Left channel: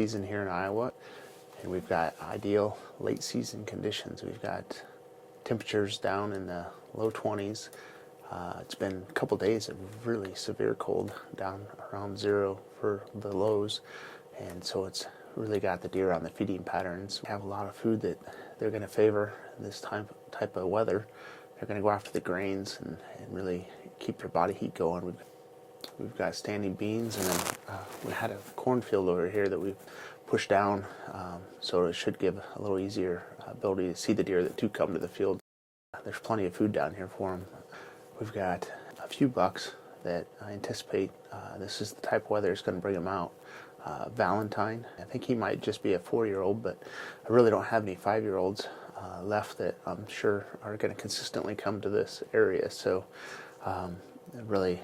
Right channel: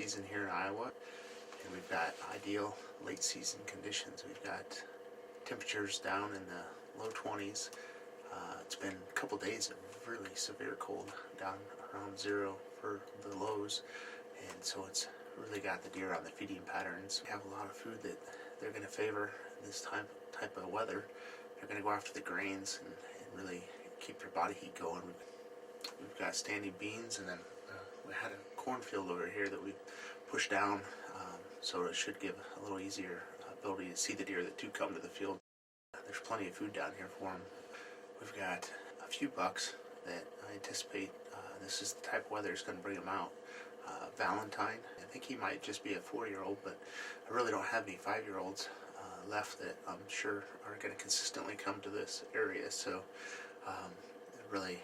season here in Iowa, and we've got ideal late season conditions. We've got temperatures down in the low 20s. It's been a couple days of really severe cold, down around 0 for the lows, and so it's really got the deer on the feeding patterns. We have a lot of food that they're going to favor in this type of weather. They're going to go after the grains and really keep their body heat going. We've got standing beans, and then we had a cornfield over here that we've pushed down, so it should give a little easier ability to see the deer that do come to the field. There's plenty of food down here for them. We've got a few bucks that I anticipate this is the type of weather that's going to bring them out. Valentine, I think he might just be a 4-year-old, but I really don't have any 5-year-olds left that I'm sure are going to consistently come to this area. So I really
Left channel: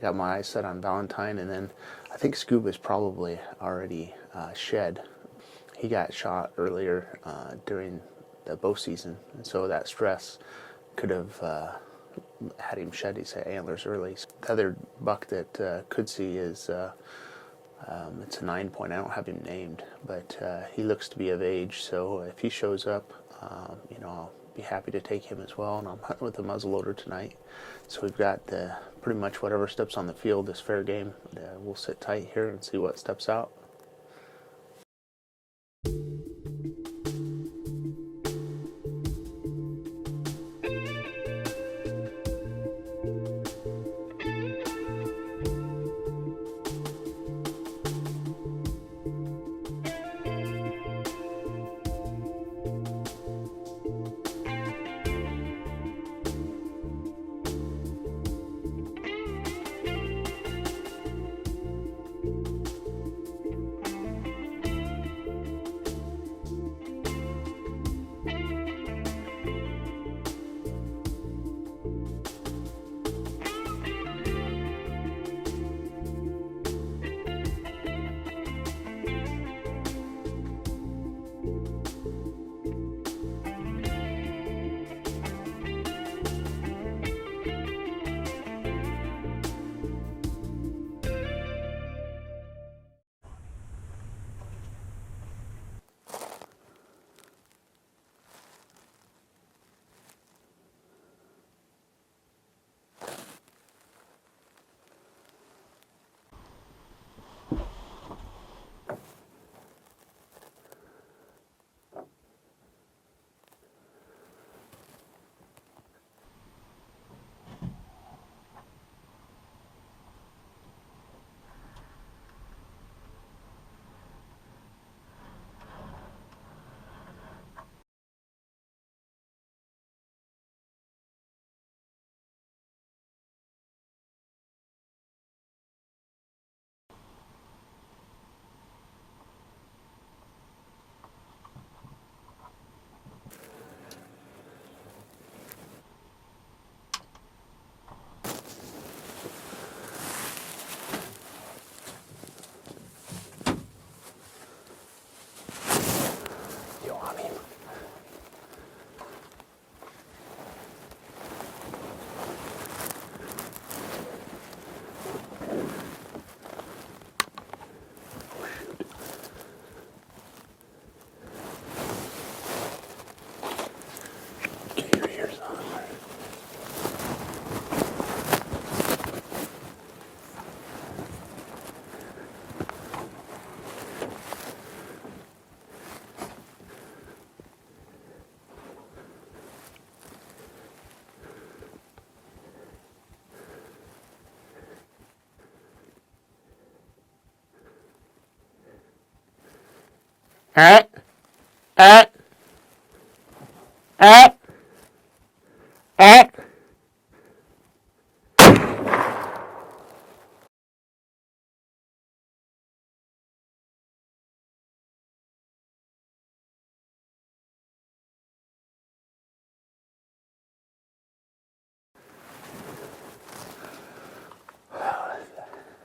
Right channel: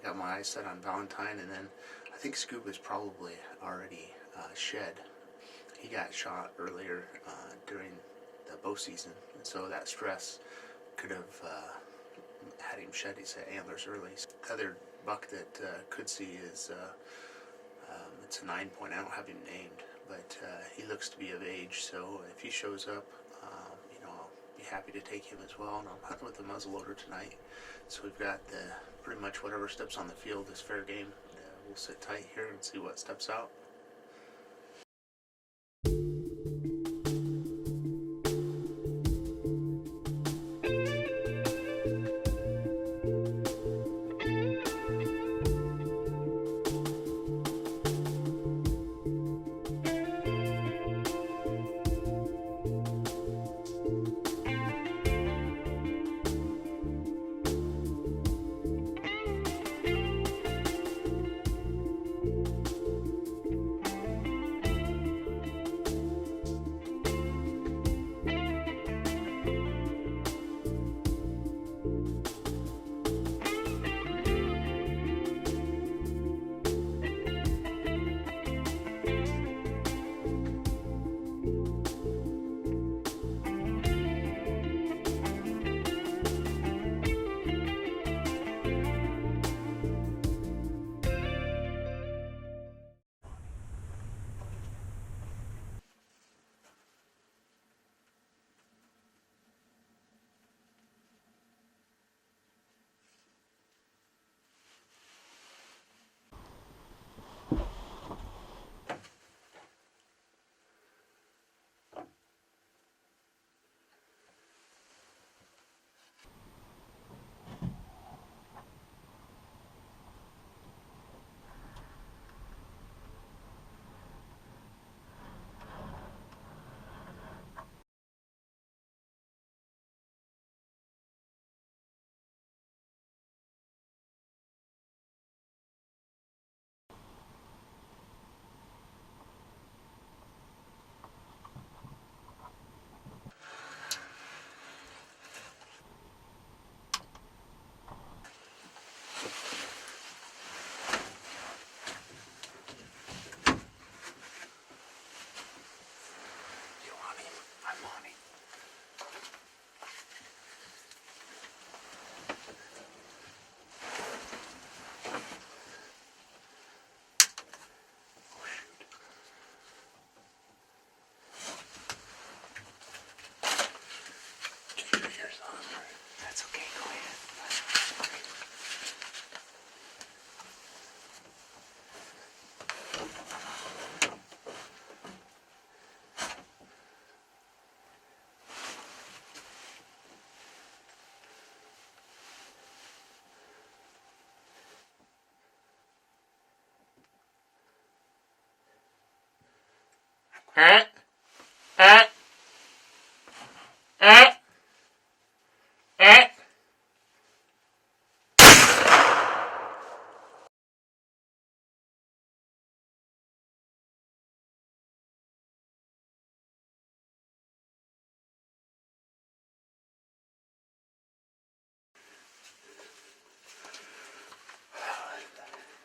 got my eyes set on Valentine, and then I think Scuba's probably already shed. He got shot earlier during the bow season, and so that stress could have had him shed his antlers early. The other buck that could see is it's a 9-point. I don't have him named, but he looks to be of age, so if he shows up, I'll be happy to take him as well. And I'm hunting with a muzzleloader tonight, so we've got pretty much whatever steps on the field is fair game. We'll sit tight here and see what steps out.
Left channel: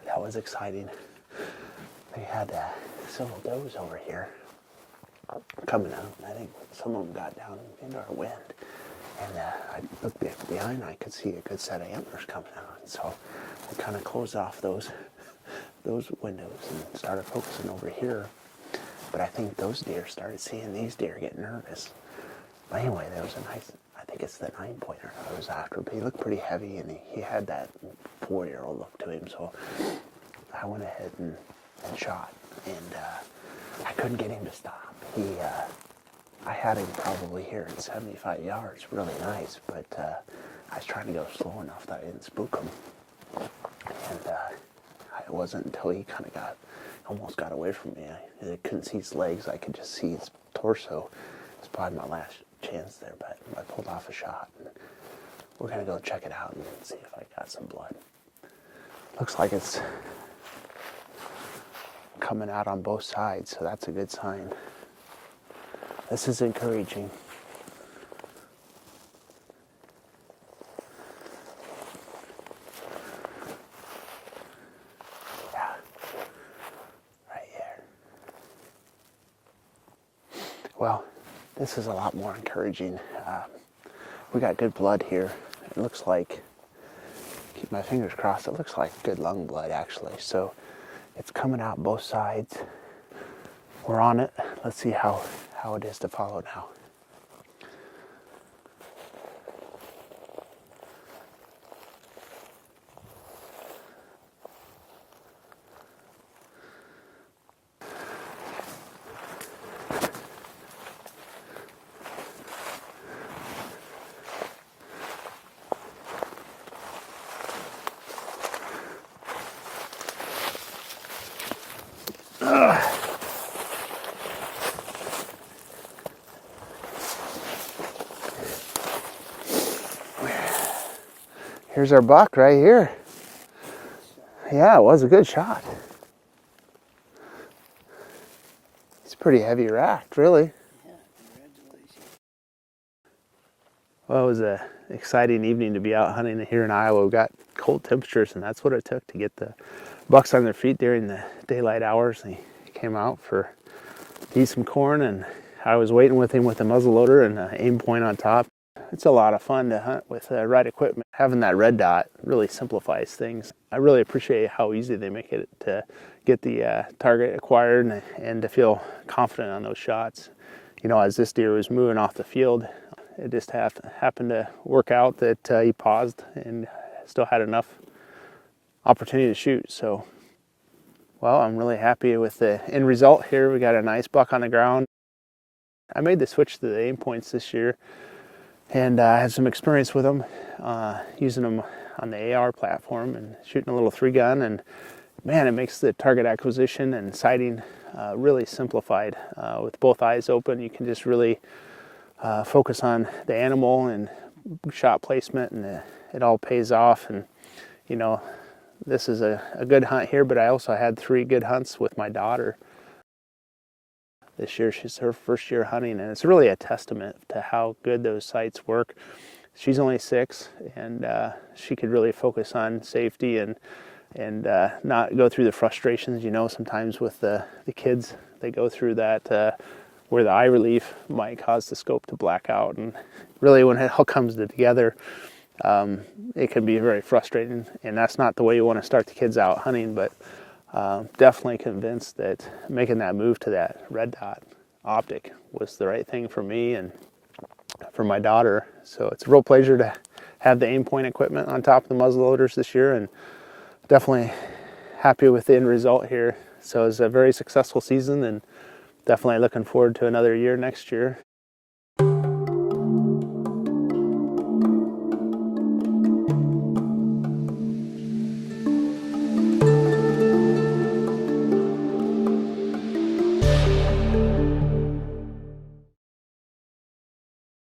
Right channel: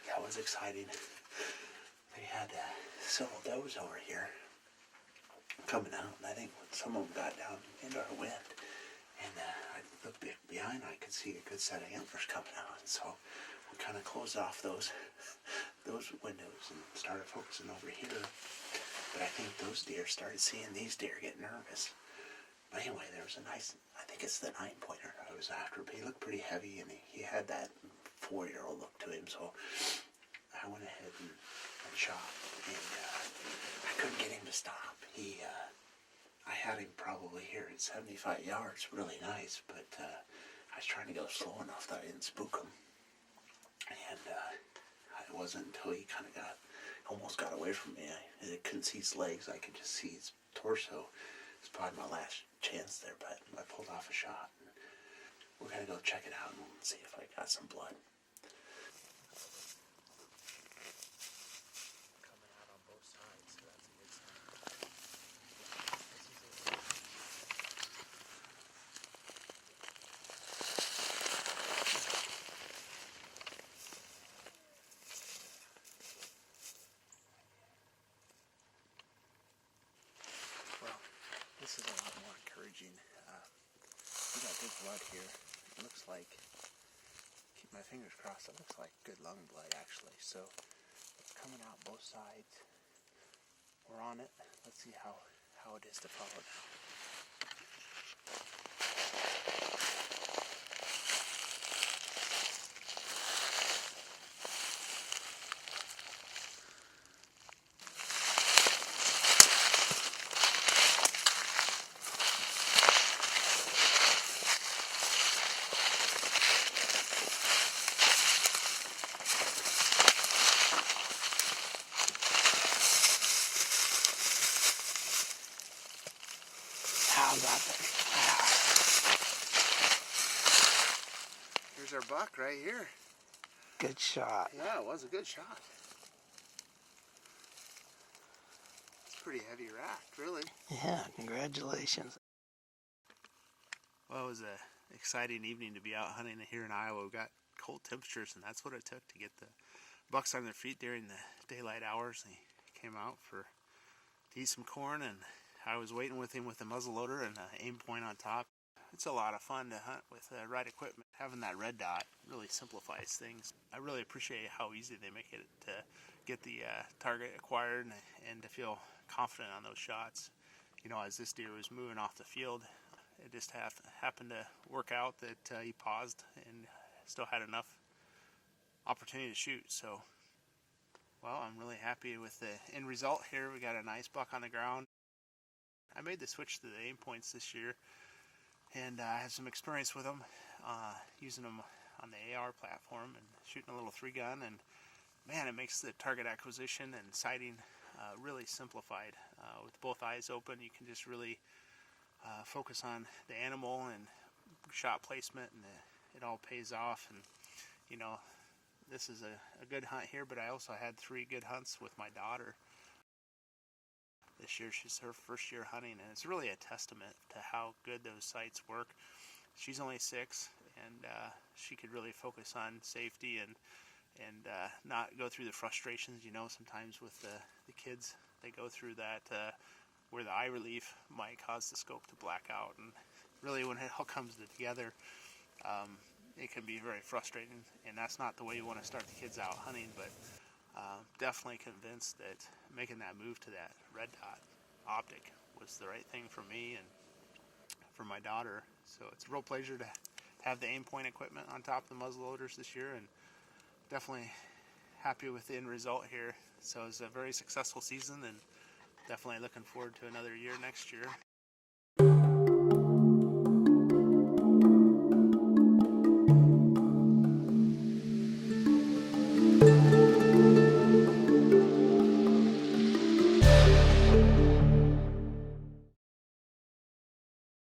That was exciting. They had several does over here coming out. I think some of them got down into our wind, and I looked behind. I could see a good set of antlers coming out, so we kind of closed off those windows and started focusing over here. But I think those deer started seeing these deer get nervous. But anyway, there was a nice, I think it's the 9-pointer I was after, but he looked pretty heavy, and he had that 4-year-old look to him, so I went ahead and shot, and I couldn't get him to stop. I had him probably here at 75 yards, really nice, but I was trying to go slow enough that I didn't spook him. And it wasn't until he kind of almost got away from me. I couldn't see his legs, I could just see his torso. It's probably my last chance there, but I pulled off a shot. And we're going to go check it out and see if I got some blood. Looks like it's coming out on both sides, so that's a good sign. This is encouraging. Yeah, right here. Well, this is a lot more encouraging. We got good blood here. It looks like, keep my fingers crossed, it looks like good lung blood actually. So it's coming out both sides. We're on it. Let's see how it is to follow now. Here's our buck right here. Good shot. Yeah, it was a good shot. It's pretty heavy racked, really. Yeah, congratulations. Well, it was an exciting evening to be out hunting here in Iowa. We got cold temperatures, and that's what it took to get the bucks on their feet during the daylight hours. He came out to eat some corn, and I was waiting with him with the muzzleloader and an Aimpoint on top. It's a lot of fun to hunt with the right equipment. Having that red dot really simplifies things. I really appreciate how easy they make it to get the target acquired and to feel confident on those shots. You know, as this deer was moving off the field, it just happened to work out that he paused and still had enough opportunity to shoot. So, well, I'm really happy with the end result here. We got a nice buck on the ground. I made the switch to the Aimpoints this year, and I had some experience with them, using them on the AR platform and shooting a little 3-gun, and man, it makes the target acquisition and sighting really simplified. With both eyes open, you can just really focus on the animal and shot placement, and it all pays off. And you know, this is a good hunt here, but I also had 3 good hunts with my daughter this year. She's her first year hunting, and it's really a testament to how good those sights work. She's only 6, and she could really focus on safety and not go through the frustrations. You know, sometimes with the kids, they go through that where the eye relief might cause the scope to black out, and really when it all comes together, it can be very frustrating, and that's not the way you want to start the kids out hunting. But definitely convinced that making that move to that red dot optic was the right thing for me and for my daughter. So it's a real pleasure to have the Aimpoint equipment on top of the muzzleloaders this year, and definitely happy with the end result here. So it's a very successful season, and definitely looking forward to another year next year.